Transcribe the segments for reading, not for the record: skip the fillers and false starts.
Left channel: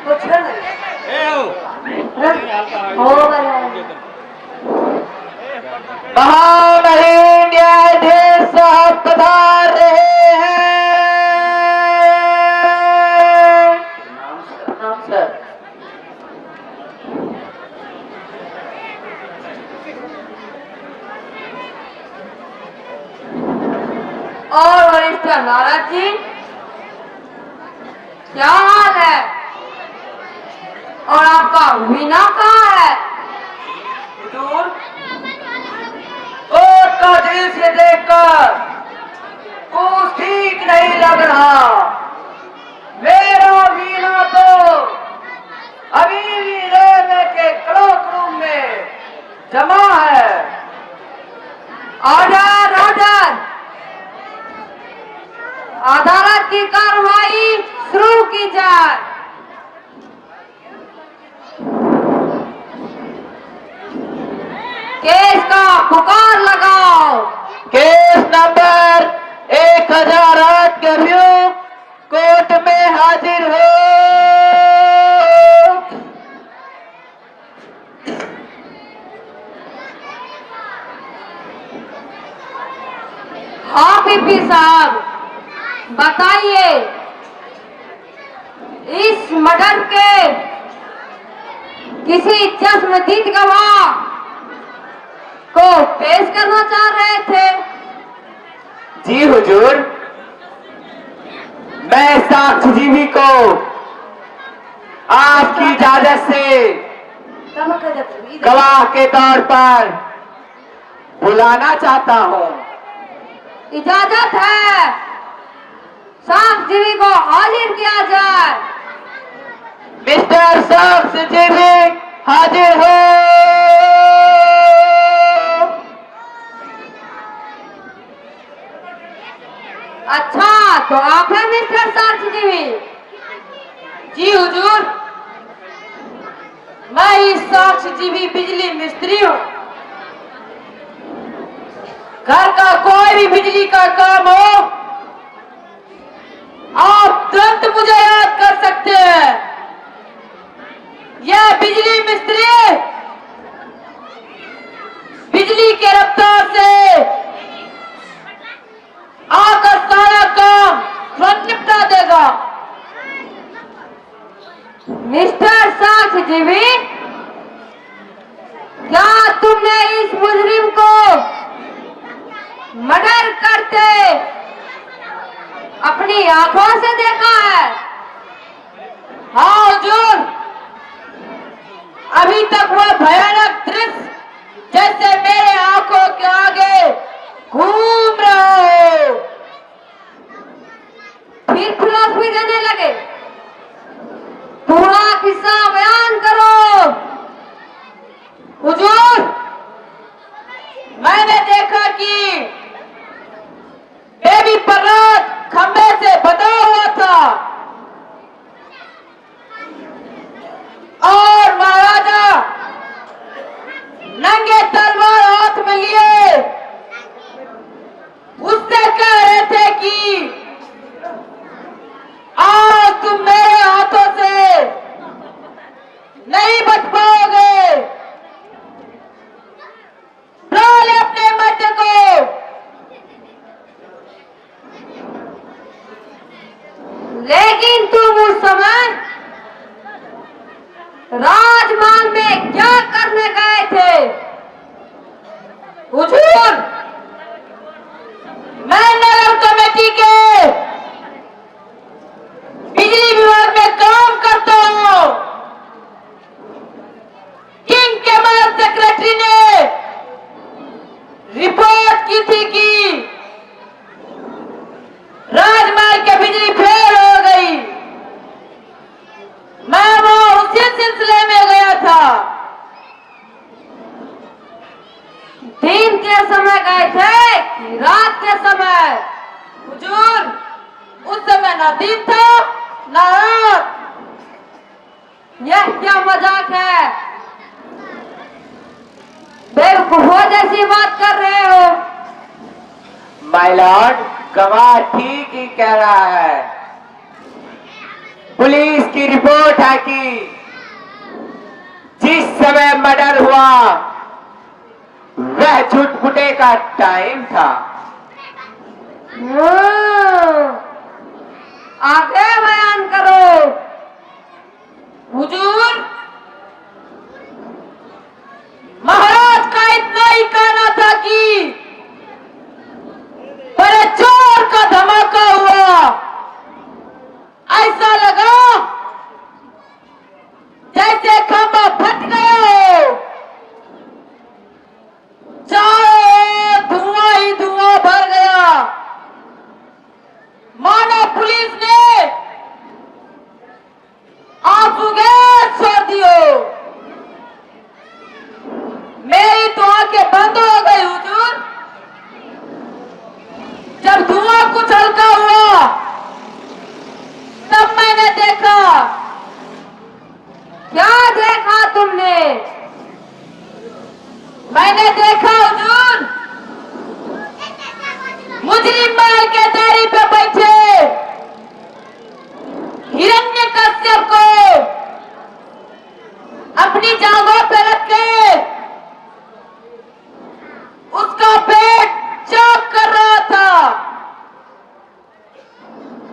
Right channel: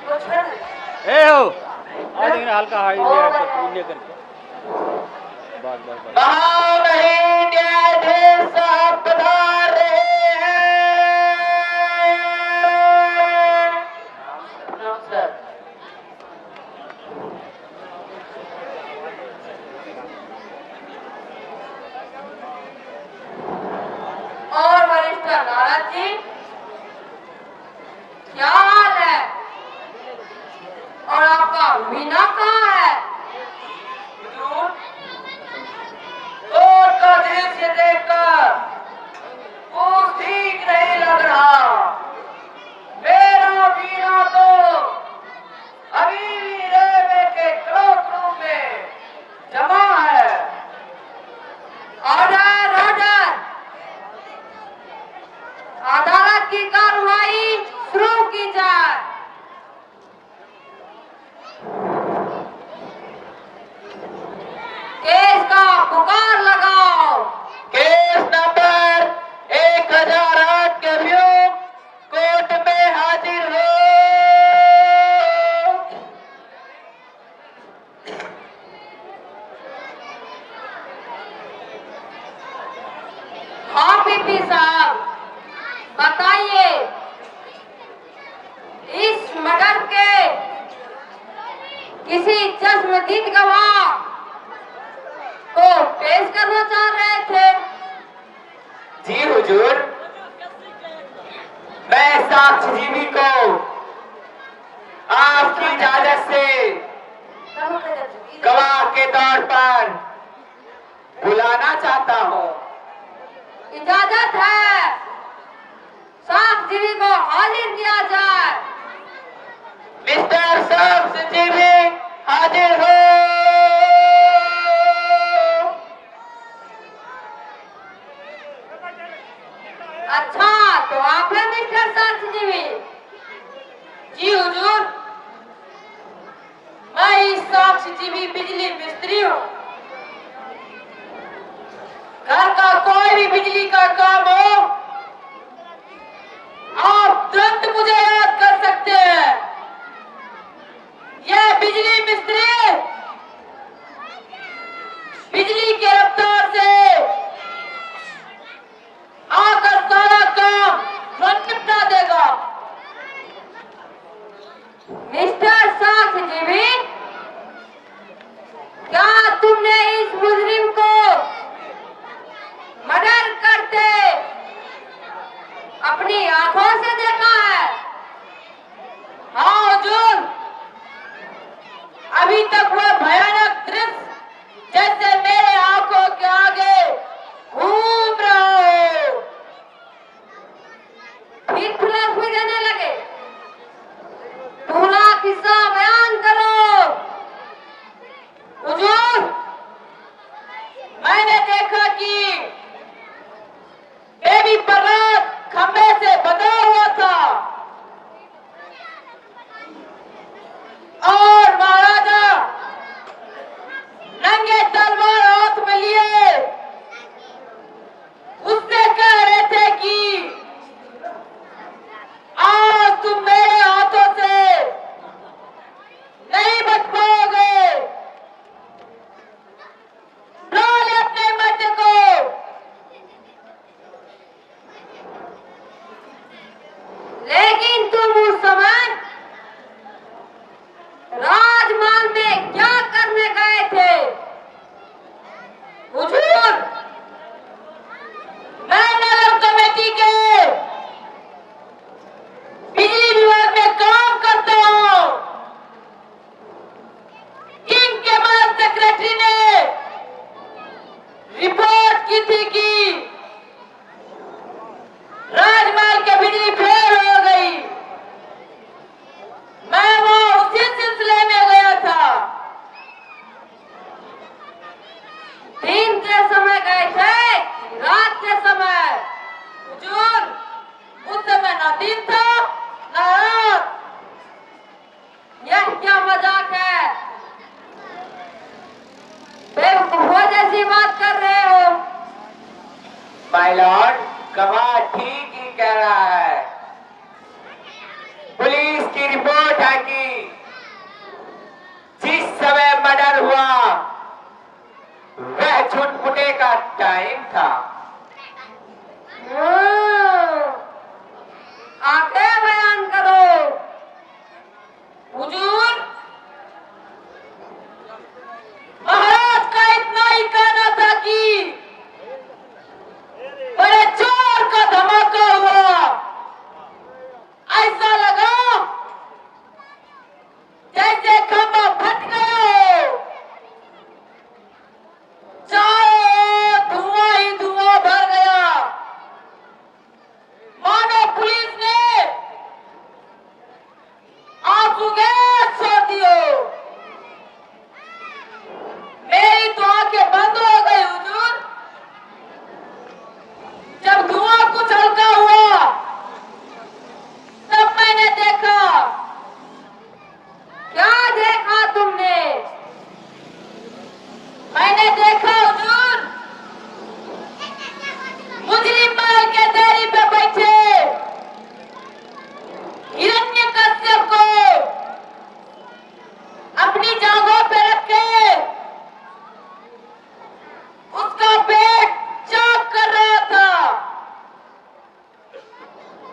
कुछ नहीं। महामहिम न्यायाधीश साहब पधार रहे हैं। प्रणाम सर। और वरिष्ठ नाराज जी, क्या हाल है? और आपका वीणा कहाँ है? कोर्ट का दृश्य देखकर कुछ ठीक नहीं लग रहा। मेरा वीणा तो अभी भी रेलवे के क्लॉक रूम में जमा है। ऑर्डर ऑर्डर, अदालत की कार्रवाई शुरू की जाए। केस का पुकार लगाओ। केस नंबर 1008 के अभियुक्त कोर्ट में हाजिर हो। हाँ पीपी साहब, बताइए, इस मर्डर के किसी चश्मदीद गवाह को पेश करना चाह रहे थे। जी हुजूर, मैं साक्षीजीवी को आपकी इजाजत से गवाह के तौर पर बुलाना चाहता हूँ। इजाजत है, साक्षीजीवी को हाजिर किया जाए। मिस्टर साक्षीजीवी हाजिर हो। अच्छा, तो आप हैं मिस्टर साक्षीजीवी? जी हुजूर, मैं ही साक्षीजीवी बिजली मिस्त्री हूँ। घर का कोई भी बिजली का काम हो, आप तुरंत मुझे याद कर सकते हैं। यह बिजली मिस्त्री बिजली के रफ्तार से आकर सारा काम तुरंत निपटा देगा। मिस्टर साक्षीजीवी, क्या तुमने इस मुजरिम को मर्डर करते अपनी आंखों से देखा है? हाँ हुजूर, अभी तक वह भयानक दृश्य जैसे मेरे आंखों के आगे घूम रहा हो। फिर फिलॉसफी देने लगे। पूरा किस्सा बयान करो। हुजूर, मैंने देखा कि बेबी पर्रात खंबे से बंधा हुआ था और महाराजा नंगे तलवार हाथ में लिए उससे कह रहे थे कि आज तुम मेरे हाथों से नहीं बच पाओगे। डाले अपने मर्द को। लेकिन तुम उस समय राजमहल में क्या करने गए थे? हुजूर, मैं नगर कमेटी के बिजली विभाग में काम करता हूँ। किंग के मदद सेक्रेटरी ने रिपोर्ट की थी कि राजमहल की बिजली फेल हो गई। मैं वो उसी सिलसिले में गया था। दिन के समय गए थे कि रात के समय? हुजूर, उस समय ना दिन था ना रात। यह क्या मजाक है? बेवकूफों जैसी बात कर रहे हो। माय लॉर्ड, गवाह ठीक ही कह रहा है। पुलिस की रिपोर्ट रिपोर्ट है कि जिस समय मर्डर हुआ वह छुटपुटे का टाइम था। आगे बयान करो। हुजूर, महाराज का इतना ही कहना था कि बड़े जोर का धमाका हुआ, ऐसा लगा जैसे खंभा फट गया हो, चारों धुआं ही धुआं भर गया, मानो पुलिस ने आंसू गैस छोड़ दियो। मेरी तो आंखें बंद हो गई हुजूर। जब धुआं कुछ हल्का हुआ तब मैंने देखा। क्या देखा तुमने? मैंने देखा हुजूर, मुजरिम महल के दारी पे बैठे हिरण्यकश्यप को अपनी जांघों पे रख के उसका पेट चौक कर रहा था।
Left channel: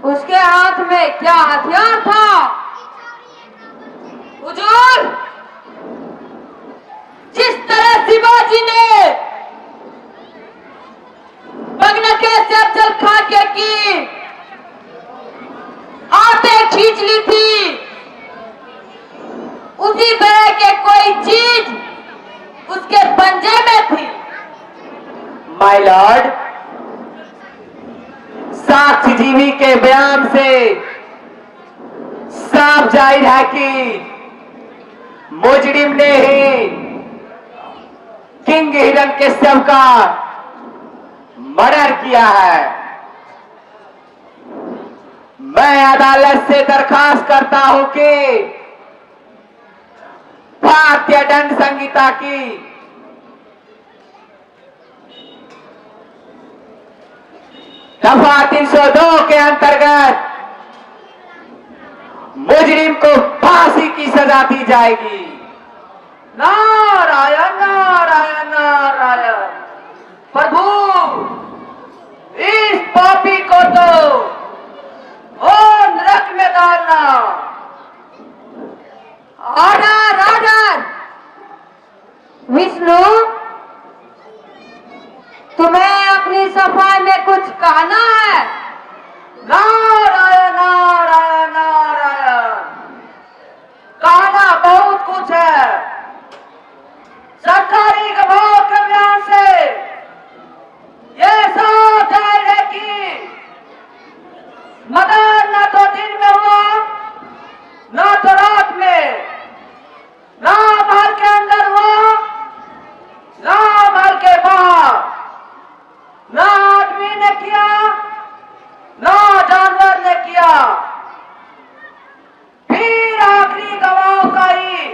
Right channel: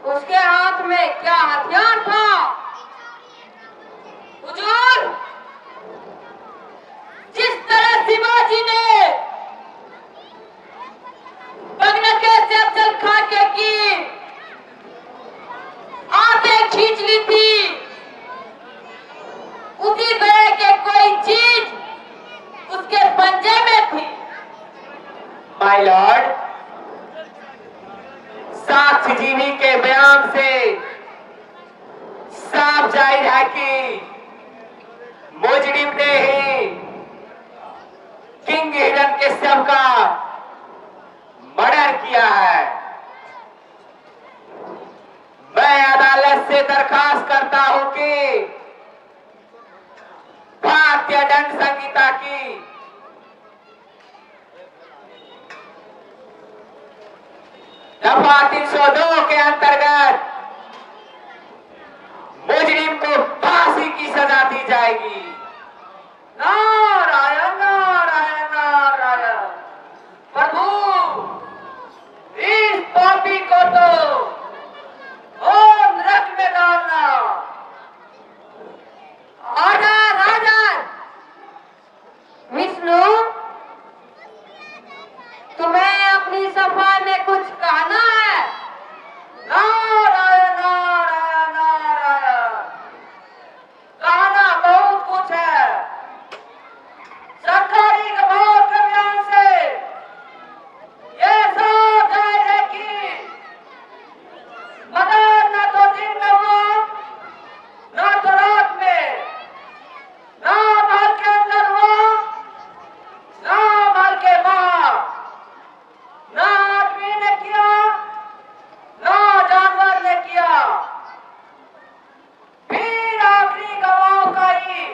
उसके हाथ में क्या हथियार था? हुजूर, जिस तरह शिवाजी ने बगनके से अफजल खां के की आंखें खींच ली थी, उसी तरह के कोई चीज उसके पंजे में थी। माय लॉर्ड, साक्ष्यजीवी के बयान से साफ जाहिर है कि मुजरिम ने ही किंग हिरण्यकश्यप का मर्डर किया है। मैं अदालत से दरखास्त करता हूं कि भारतीय दंड संहिता की दफा 302 के अंतर्गत मुजरिम को फांसी की सजा दी जाएगी। नारायण नारायण नारायण। प्रभु, इस पापी को तो नरक में डालना। Order order. विष्णु, तुम्हें अपनी सफाई में कुछ कहना है? नारायण नारायण नारायण। कहना बहुत कुछ है। सरकारी गवाह के बयान से ये साफ जाहिर है कि मदन न तो दिन में हुआ न तो रात में, न महल के अंदर हुआ न महल के बाहर, न आदमी ने किया न जानवर ने किया। फिर आखिरी गवाह का ही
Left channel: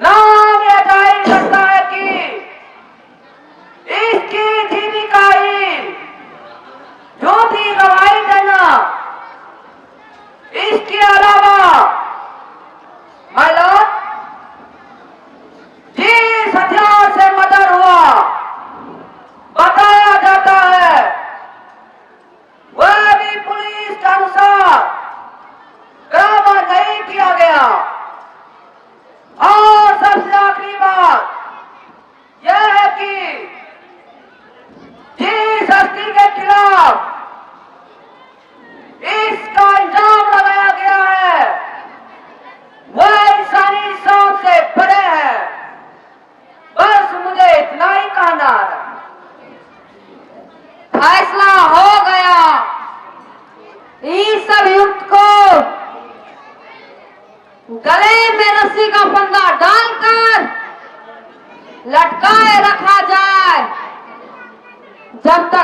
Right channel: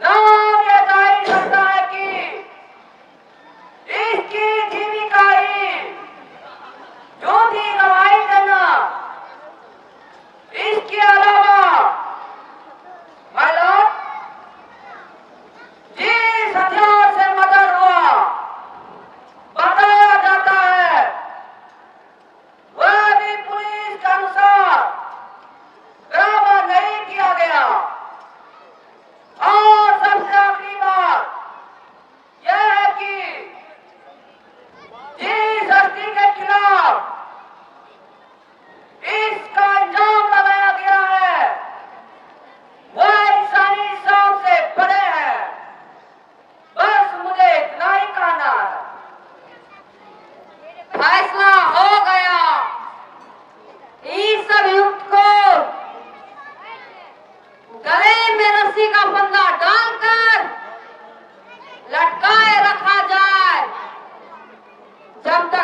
नाम यह जाहिर करता है कि इसकी जीविका ही झूठी गवाही देना। इसके अलावा माय लॉर्ड, जिस हथियार से मर्डर हुआ बताया जाता है वह भी पुलिस के अनुसार बराबर नहीं किया गया। और सबसे आखिरी बात यह है कि जिस हस्ती के खिलाफ इसका इल्जाम लगाया गया है वह इंसानी शौक से बड़े हैं। बस मुझे इतना ही कहना है। फैसला हो गया। इस अभियुक्त को गले में रस्सी का फंदा डालकर लटकाए रखा जाए जब तक